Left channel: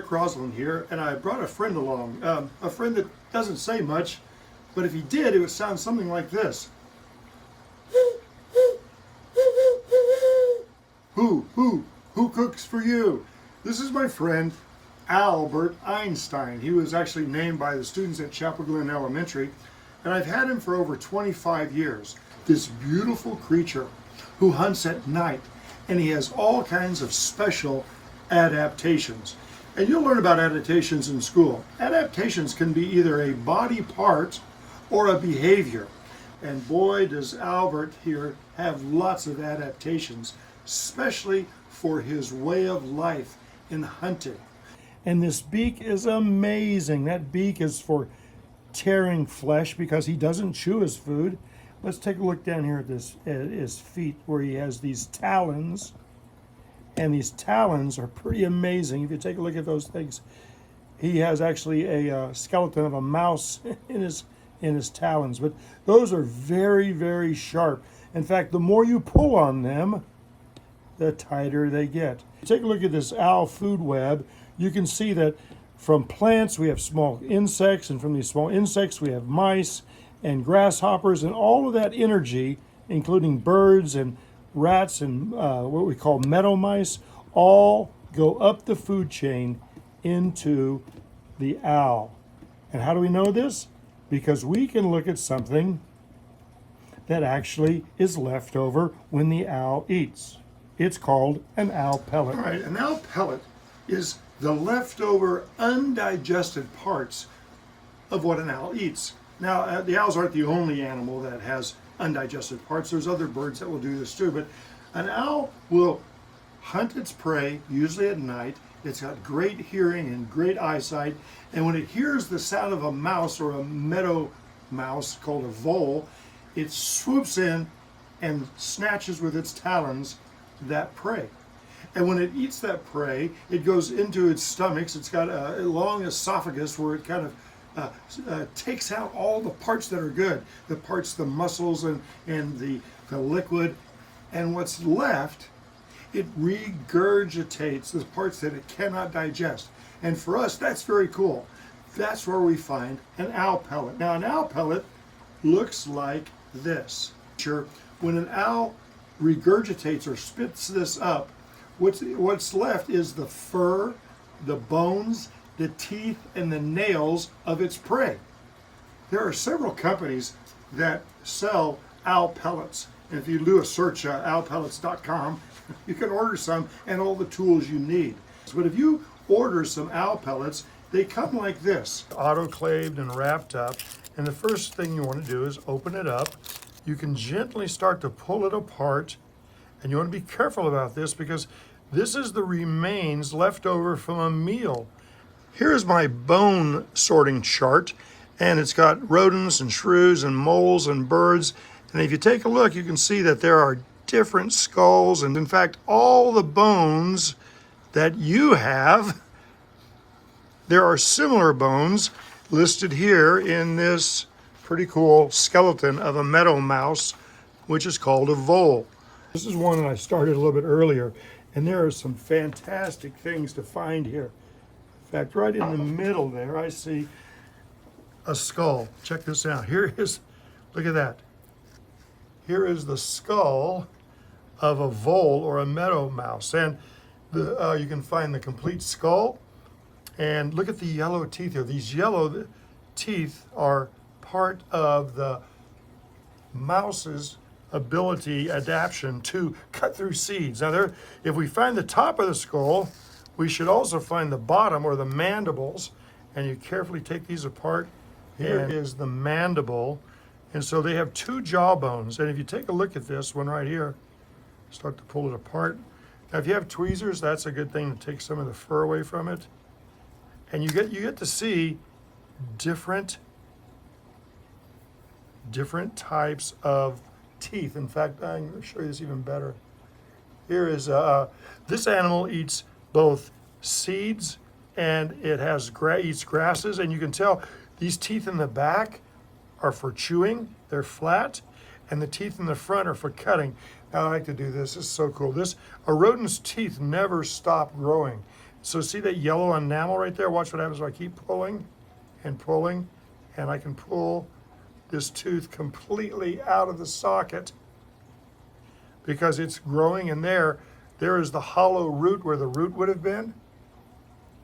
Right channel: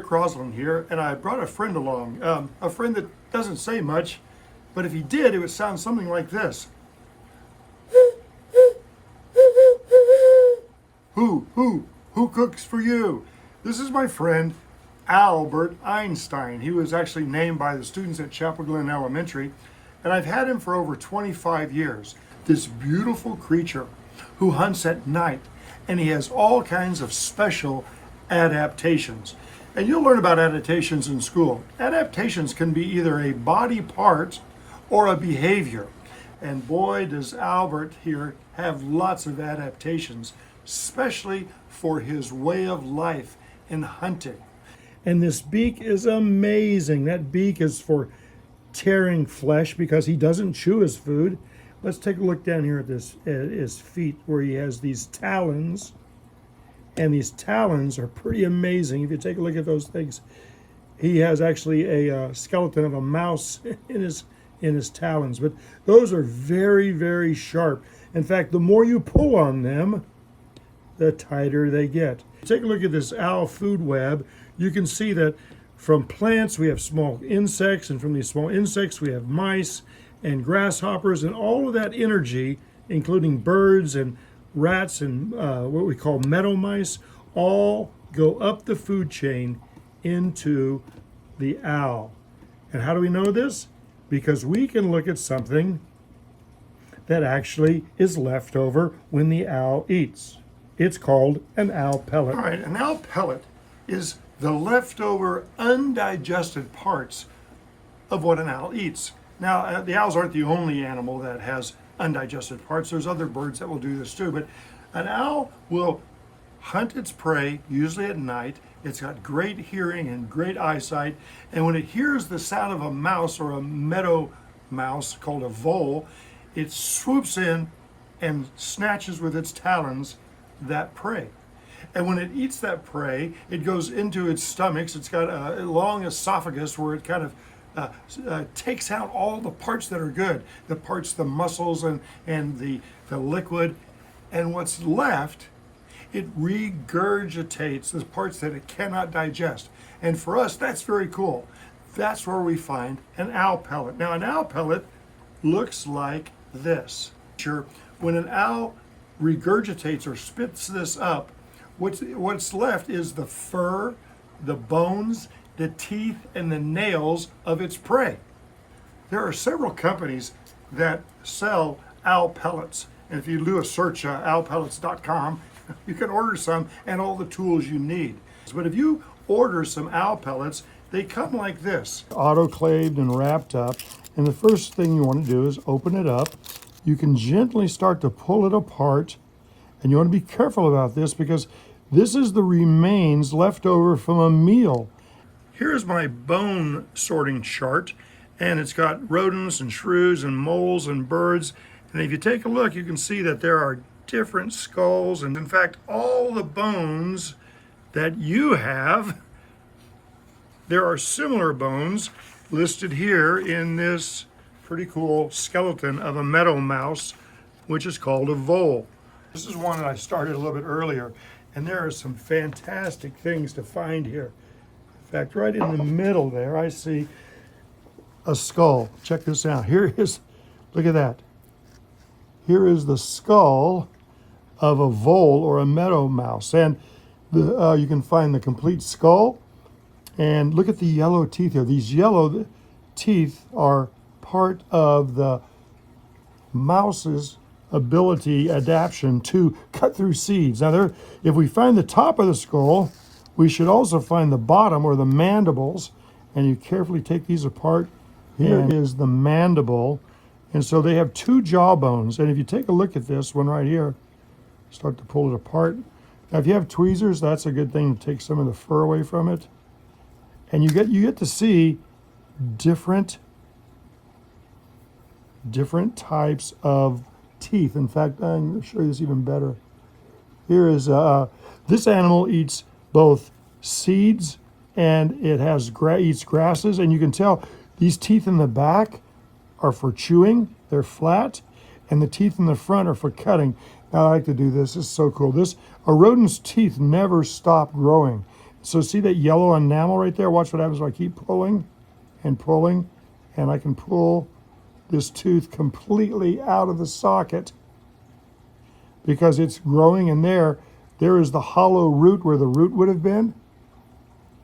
Crosslin here, and I brought a friend along. A friend that doesn't say much, but if he did, it would sound something like this. Who cooks for you? This is my friend, Albert Einstein. He was actually named by the students at Chapel Glen Elementary, and I've had him for over 25 years. This beautiful creature who hunts at night, and he has all kinds of special adaptations. And you'll learn about adaptations in school. Adaptations can be either a body part or a behavior. And boy, does Albert here have lots of adaptations, especially for his way of life in hunting. And this beak is amazing. That beak is for tearing flesh because he doesn't chew his food. Let's take a look down here at his feet where he has these talons. And these talons are pretty amazing. If you take a look at those things, he has actually a skeleton of a mouse in his talons. But those are very, very sharp. In fact, the more you pull on them, the tighter they get. Take a look at this owl food web. You can see that from plants we have small insects, and from these small insects we have mice and grasshoppers, and all of that energy, including birds and rats and what we call meadow mice, all go up the food chain into the owl. And how do we know this? Because we can look at something that actually is left over when the owl eats. It's called an owl pellet. All right, an owl pellet is the leftover undigested parts of what an owl eats. Now, the owls aren't the only animal that has undigested parts. There's other birds that will do this too, but an owl will hunt its prey, usually at night. It's got great hearing and great eyesight, and when it hears the sound of a mouse or a meadow mouse called a vole, it swoops in and snatches with its talons that prey. And when it eats that prey, it goes into its stomachs. It's got a long esophagus where it kind of takes out all the parts that are good, the parts, the muscles and the liquid, and what's left, it regurgitates the parts that it cannot digest. And for us, that's very cool. That's where we find an owl pellet. Now, an owl pellet looks like this. Sure, when an owl regurgitates or spits this up, what's left is the fur, the bones, the teeth, and the nails of its prey. There are several companies that sell owl pellets. And if you do a search, owlpellets.com, you can order some and all the tools you need. But if you order some owl pellets, they come like this, autoclaved and wrapped up. And the first thing you want to do is open it up. You can gently start to pull it apart. And you want to be careful about this because this is the remains left over from a meal. Here's my bone sorting chart, and it's got rodents and shrews and moles and birds. And if you take a look, you can see that there are different skulls, and in fact, all the bones that you have, there are similar bones listed here in this pretty cool skeleton of a meadow mouse, which is called a vole. This is one that I started a little bit earlier, and there are some fantastic things to find here. In fact, right in the middle there, I see a skull. Check this out. Here is, look at that. Here is the skull of a vole or a meadow mouse. And you can find the complete skull. And look at the yellow teeth here. These yellow teeth are part of the mouse's adaptation to cut through seeds. Now, if we find the top of the skull, we should also find the bottom or the mandibles. And you carefully take these apart. Here is the mandible. And so they have two jaw bones. And if you take a look at this one right here, start to pull it apart. Now, if you have tweezers, that's a good thing to take some of the fur away from it. And you get to see different types of teeth. In fact, I'm going to show you this even better. Here is, this animal eats both seeds and it has eats grasses. And you can tell these teeth in the back are for chewing, they're flat, and the teeth in the front are for cutting. Now, I like to do this, it's so cool. A rodent's teeth never stop growing. So see that yellow enamel right there? Watch what happens when I keep pulling and pulling, and I can pull this tooth completely out of the socket because it's growing in there. There is the hollow root where the root would have been,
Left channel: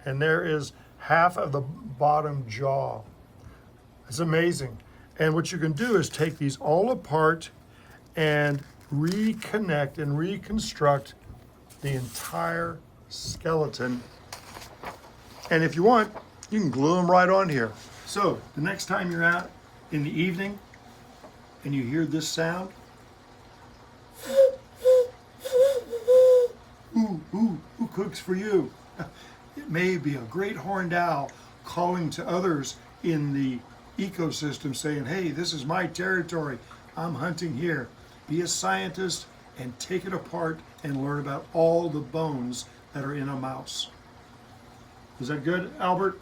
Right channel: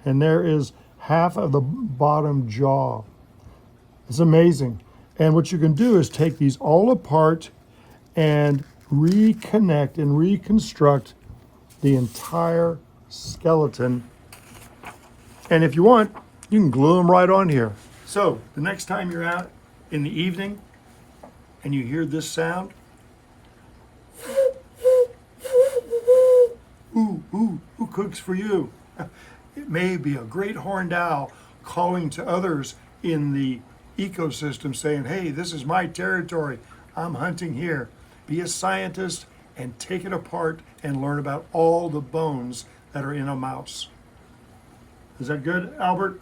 and there is half of the bottom jaw. It's amazing. And what you can do is take these all apart and reconnect and reconstruct the entire skeleton. And if you want, you can glue them right on here. So the next time you're out in the evening and you hear this sound, who cooks for you? It may be a great horned owl calling to others in the ecosystem saying, hey, this is my territory. I'm hunting here. Be a scientist and take it apart and learn about all the bones that are in a mouse. Is that good, Albert?